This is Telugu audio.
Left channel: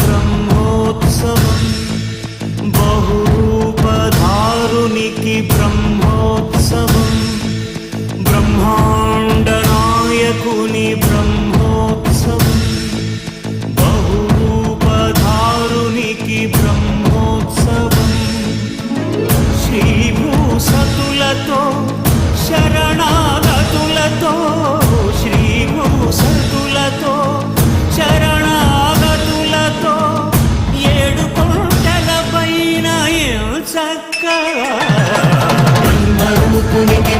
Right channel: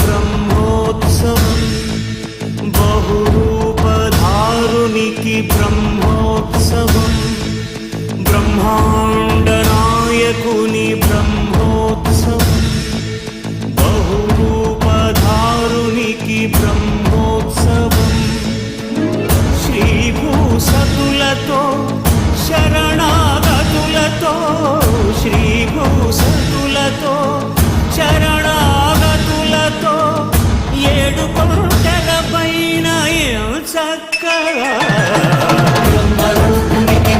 బ్రహ్మోత్సవం బహురూపధారునికి బ్రహ్మోత్సవం బ్రహ్మాండ నాయకుని బ్రహ్మోత్సవం బహురూపధారునికి బ్రహ్మోత్సవం శ్రీభూసతులతో శరణాగతులతో శ్రీభూసతులతో శరణాగతులతో ఏడు కొండల పైన చక్కగా బ్రహ్మరూపునికి